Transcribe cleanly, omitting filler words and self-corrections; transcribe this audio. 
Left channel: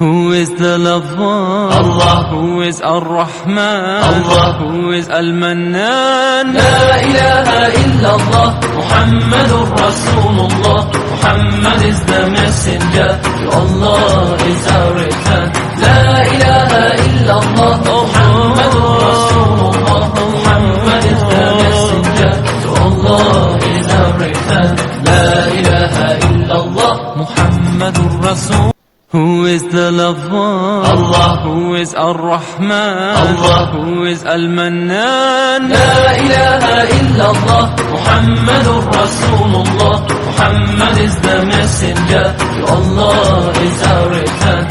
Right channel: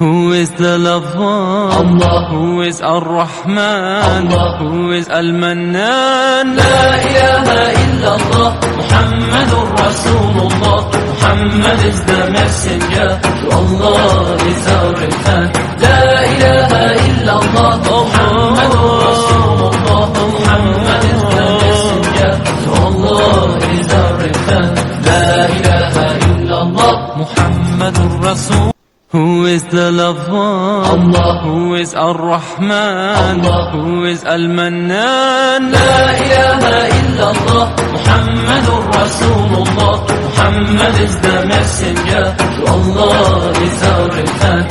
Who is the lover? Allah. Who is Ar-Rahman? Allah. Who is Al-Mannan? La ilaha illallah, Muhammadur Rasulullah. Muhammad is the messenger, to Allah is our return. La ilaha illallah, Muhammadur Rasulullah. Muhammad is the messenger, to Allah is our return. La ilaha illallah, Muhammadur Rasul. Who is the lover? Allah. Who is Ar-Rahman? Allah. Who is Al-Mannan? La ilaha illallah, Muhammadur Rasulullah. Muhammad is the messenger, to Allah is our return.